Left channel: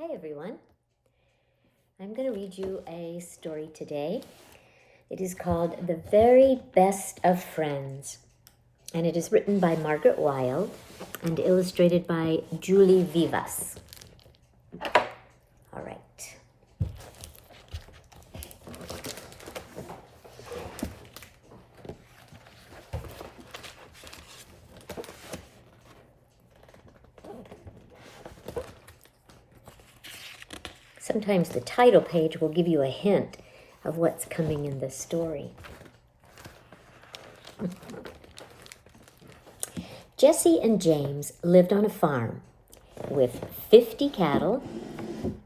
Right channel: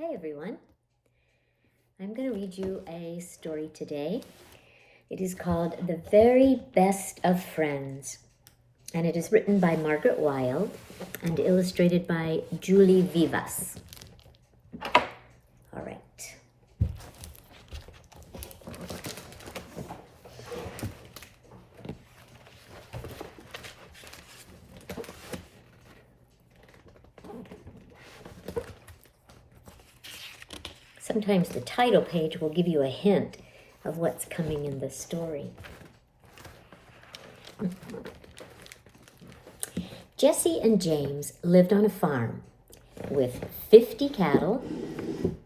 Hi everyone. I'm going to read you a story today. It is called The Very Best of Friends, and it is written by Margaret Wilde and illustrated by Julie Vivas. All right. Sometimes the title page will give you a hint of what's coming in this story. Jesse and James lived on a farm with 50 cattle,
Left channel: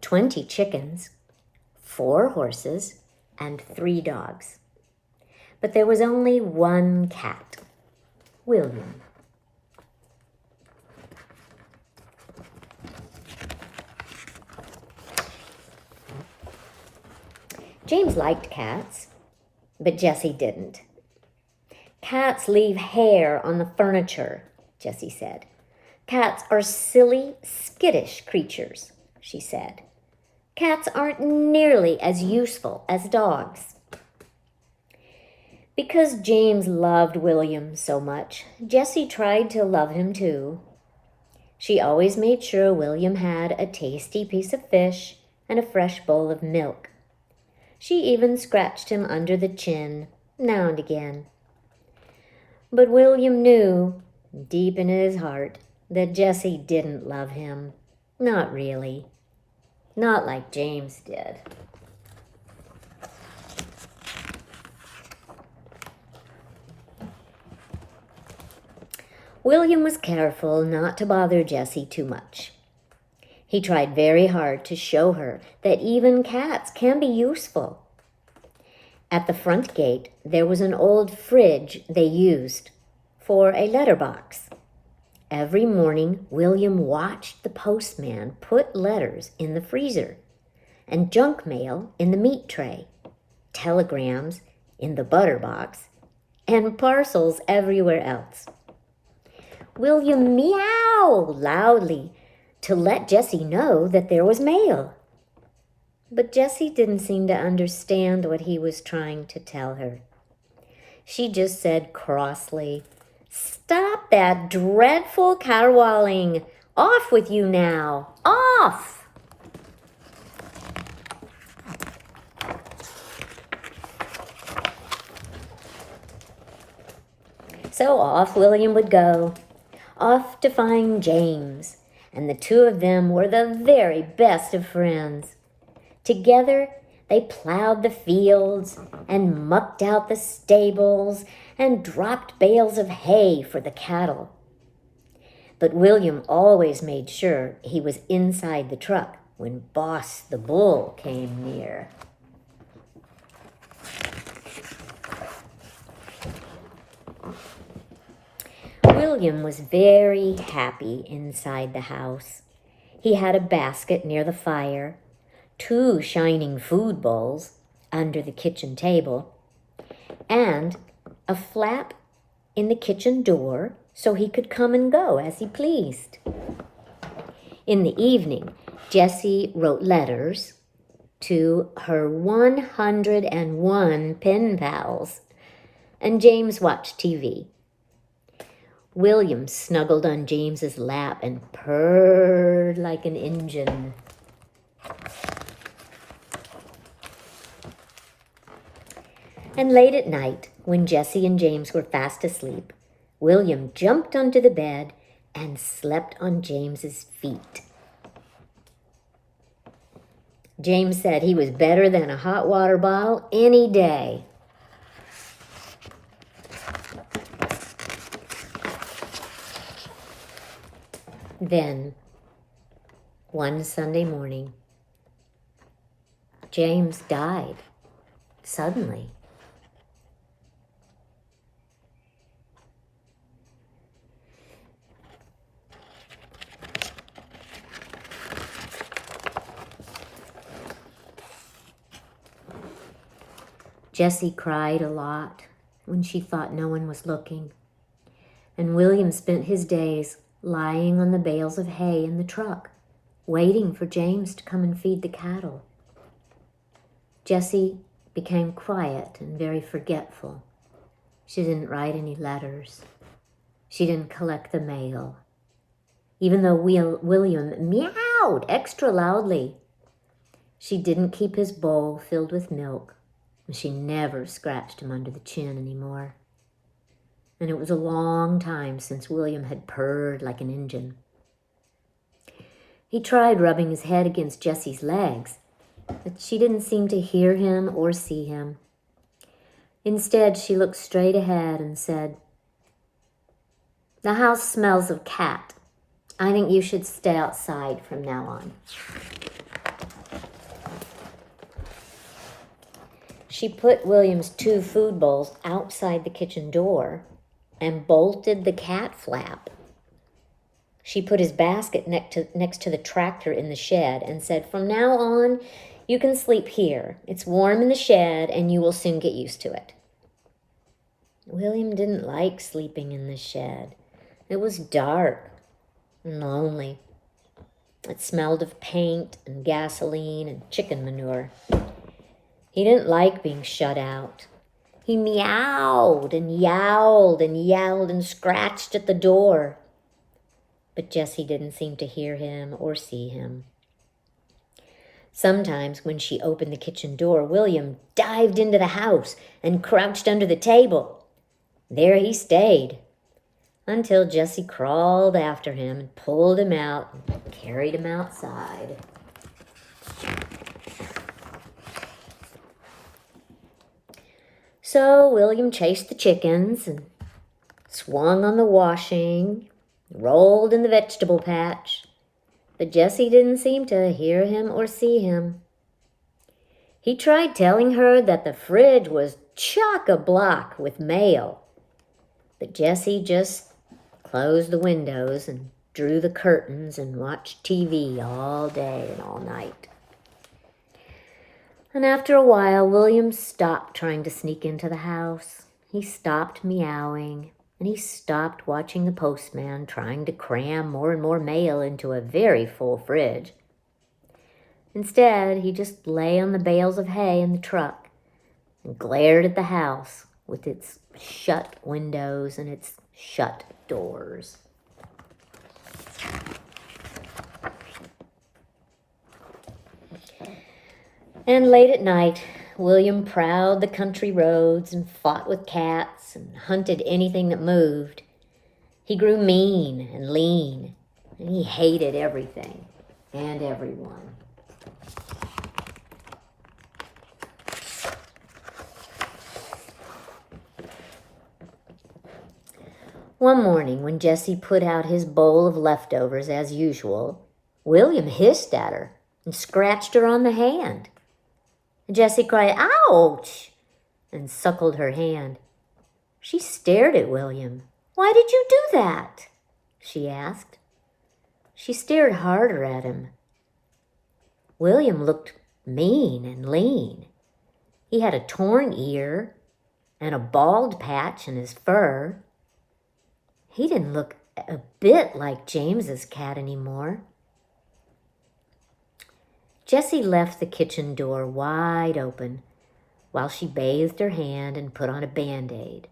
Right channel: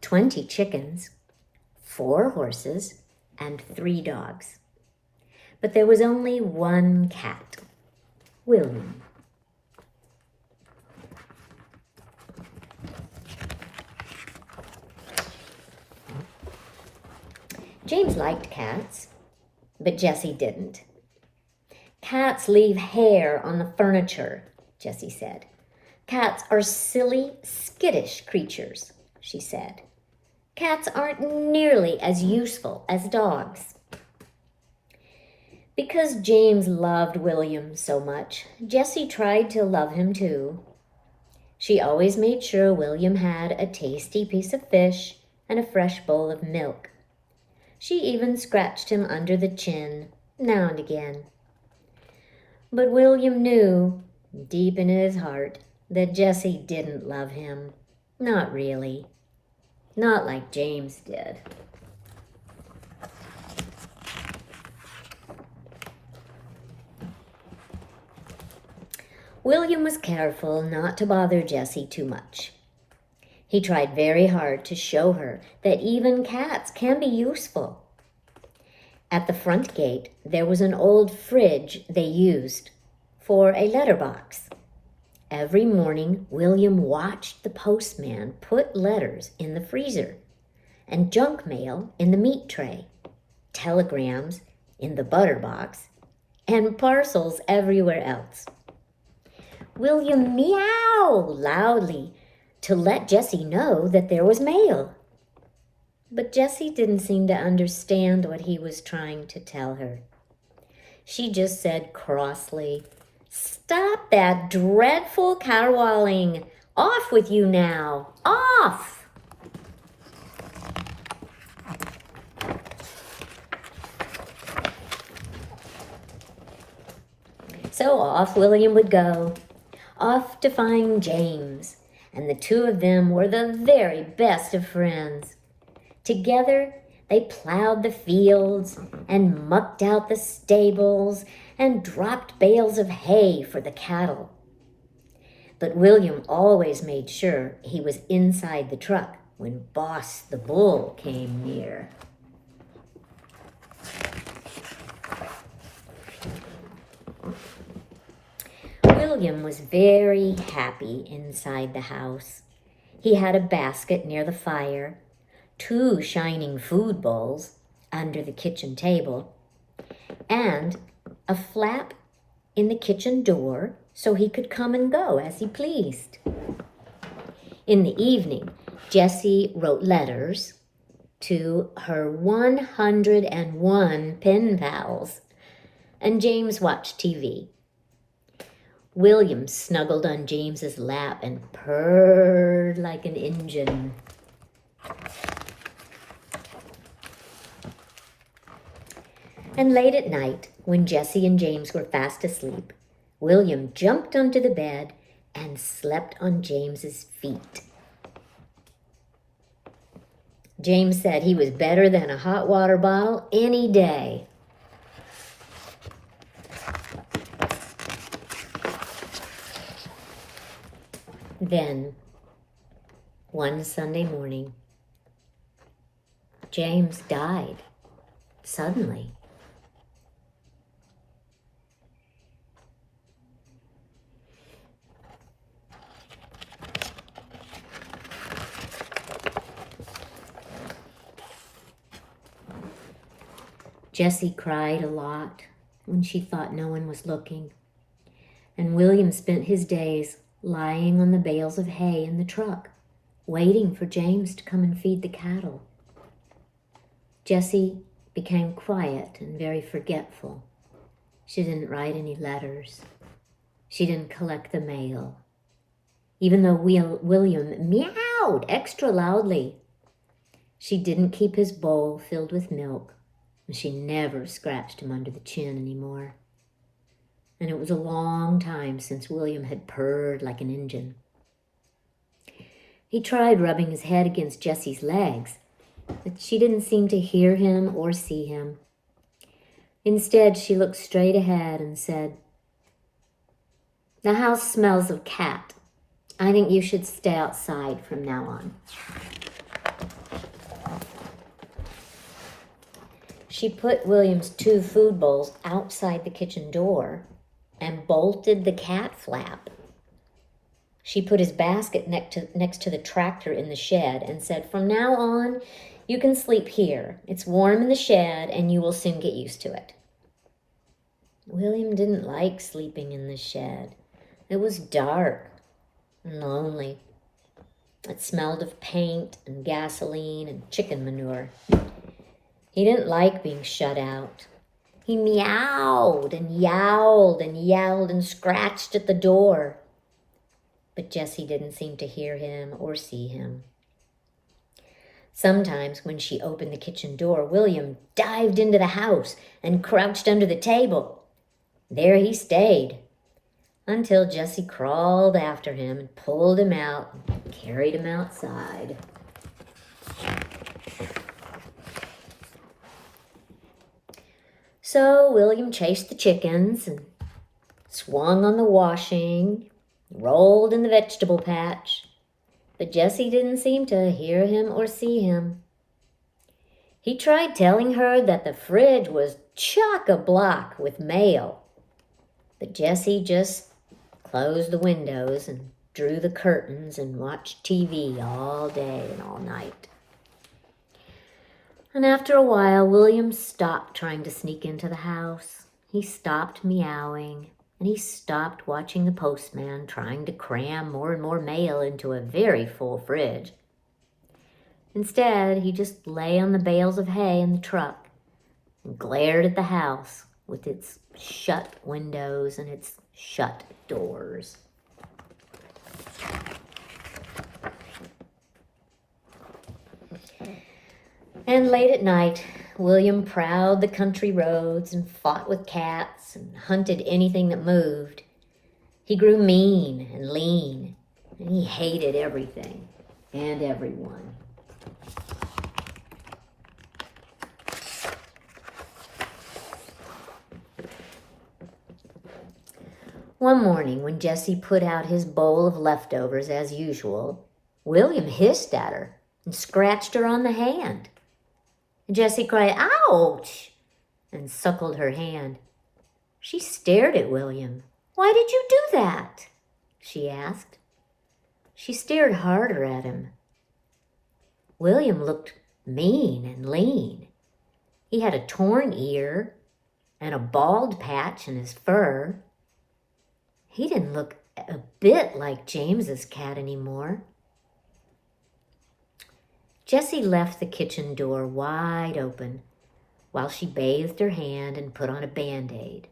20 chickens, 4 horses, and 3 dogs. But there was only one cat, William. James liked cats, but Jesse didn't. Cats leave hair on the furniture, Jesse said. Cats are silly, skittish creatures, she said. Cats aren't nearly as useful as dogs. Because James loved William so much, Jessie tried to love him too. She always made sure William had a tasty piece of fish and a fresh bowl of milk. She even scratched him under the chin, now and again. But William knew, deep in his heart, that Jessie didn't love him. Not really. Not like James did. William was careful not to bother Jessie too much. He tried very hard to show her that even cats can be useful. At the front gate, there was an old fridge they used for a letterbox. Every morning, William watched the postman put letters in the freezer and junk mail in the meat tray, telegrams in the butter box, and parcels everywhere else. William meowed loudly to let Jessie know that there was mail. But Jessie didn't seem to understand what he was trying to tell her. She just said crossly, "Stop that dreadful caterwauling! Off with you now! Off!" So off William would go, off to find James, and the two of them were the very best of friends. Together, they plowed the fields and mucked out the stables and dropped bales of hay for the cattle. But William always made sure he was inside the truck when Boss the Bull came near. William was very happy inside the house. He had a basket near the fire, 2 shining food bowls under the kitchen table, and a flap in the kitchen door so he could come and go as he pleased. In the evening, Jessie wrote letters to her 101 pen pals, and James watched TV. William snuggled on James's lap and purred like an engine. And late at night, when Jessie and James were fast asleep, William jumped onto the bed and slept on James's feet. James said he was better than a hot water bottle any day. Then, one Sunday morning, James died suddenly. Jessie cried a lot when she thought no one was looking, and William spent his days lying on the bales of hay in the truck, waiting for James to come and feed the cattle. Jessie became quiet and very forgetful. She didn't write any letters. She didn't collect the mail. Even though William meowed extra loudly, she didn't keep his bowl filled with milk, and she never scratched him under the chin anymore. And it was a long time since William had purred like an engine. He tried rubbing his head against Jessie's legs, but she didn't seem to hear him or see him. Instead, she looked straight ahead and said, "The house smells of cat. I think you should stay outside from now on." She put William's 2 food bowls outside the kitchen door and bolted the cat flap. She put his basket next to the tractor in the shed and said, "From now on, you can sleep here. It's warm in the shed and you will soon get used to it." William didn't like sleeping in the shed. It was dark and lonely. It smelled of paint and gasoline and chicken manure. He didn't like being shut out. He meowed and yowled and yelled and scratched at the door. But Jessie didn't seem to hear him or see him. Sometimes when she opened the kitchen door, William dived into the house and crouched under the table. There he stayed until Jessie crawled after him and pulled him out and carried him outside. So William chased the chickens and swung on the washing, rolled in the vegetable patch, but Jessie didn't seem to hear him or see him. He tried telling her that the fridge was chock-a-block with mail, but Jessie just closed the windows and drew the curtains and watched TV all day and all night. And after a while, William stopped trying to sneak into the house. He stopped meowing, and he stopped watching the postman trying to cram more and more mail into a very full fridge. Instead, he just lay on the bales of hay in the truck and glared at the house with its shut windows and its shut doors. And late at night, William prowled the country roads and fought with cats and hunted anything that moved. He grew mean and lean, and he hated everything and everyone. One morning, when Jessie put out his bowl of leftovers as usual, William hissed at her and scratched her on the hand. Jessie cried, "Ouch!" and suckled her hand. She stared at William. "Why did you do that?" she asked. She stared harder at him. William looked mean and lean. He had a torn ear and a bald patch in his fur. He didn't look a bit like James's cat anymore. Jessie left the kitchen door wide open while she bathed her hand and put on a Band-Aid.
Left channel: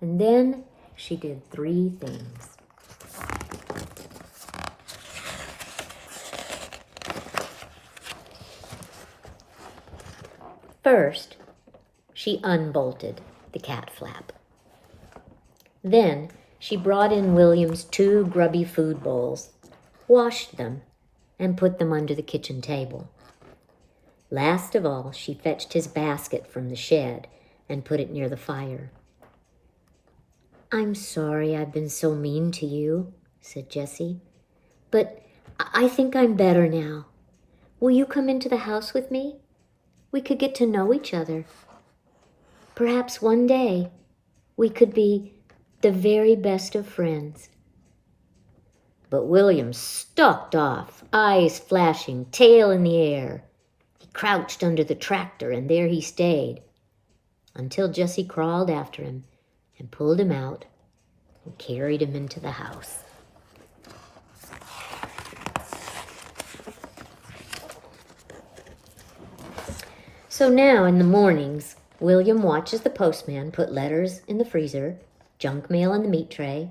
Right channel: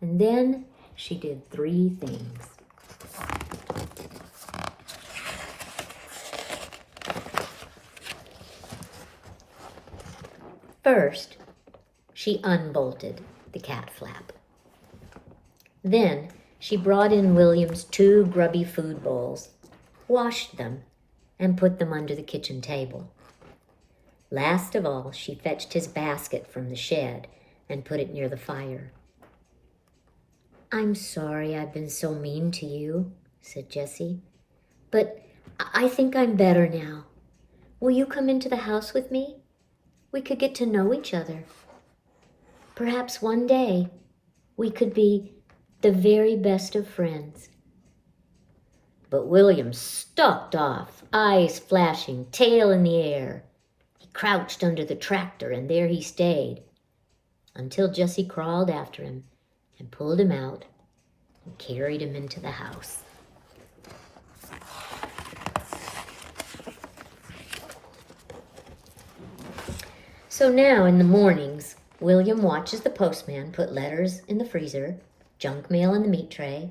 And then she did 3 things. First, she unbolted the cat flap. Then she brought in William's 2 grubby food bowls, washed them, and put them under the kitchen table. Last of all, she fetched his basket from the shed and put it near the fire. "I'm sorry I've been so mean to you," said Jessie, "but I think I'm better now. Will you come into the house with me? We could get to know each other. Perhaps one day we could be the very best of friends." But William stalked off, eyes flashing, tail in the air. He crouched under the tractor, and there he stayed, until Jessie crawled after him and pulled him out and carried him into the house. So now in the mornings, William watches the postman put letters in the freezer, junk mail in the meat tray,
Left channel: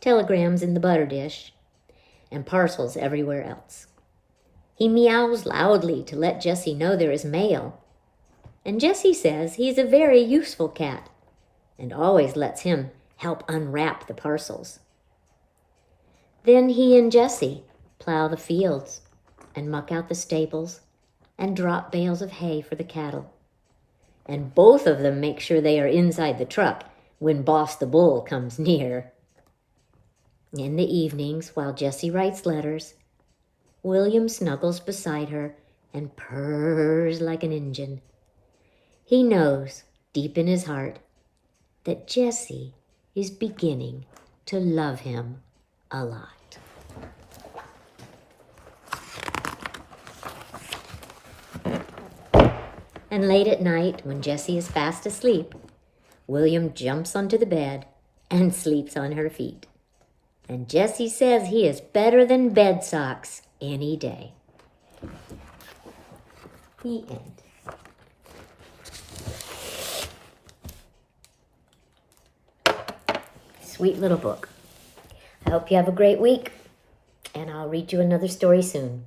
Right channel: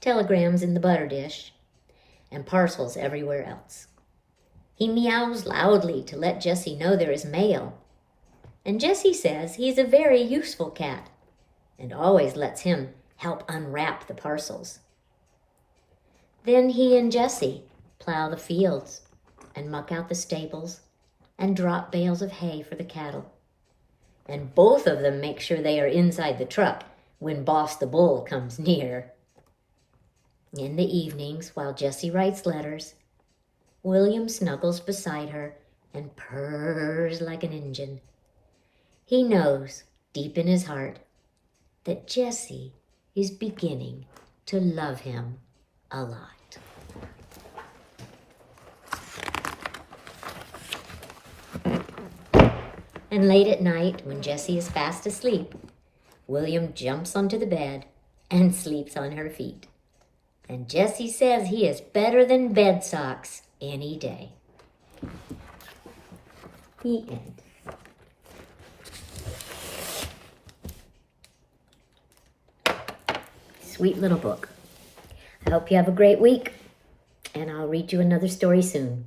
telegrams in the butter dish, and parcels everywhere else. He meows loudly to let Jessie know there is mail, and Jessie says he's a very useful cat and always lets him help unwrap the parcels. Then he and Jessie plow the fields and muck out the stables and drop bales of hay for the cattle. And both of them make sure they are inside the truck when Boss the Bull comes near. In the evenings, while Jessie writes letters, William snuggles beside her and purrs like an Injun. He knows, deep in his heart, that Jessie is beginning to love him a lot. And late at night, when Jessie is fast asleep, William jumps onto the bed and sleeps on her feet. And Jessie says he is better than bed socks any day. The end. Sweet little book. I hope you have a great week, and I'll read you another story soon.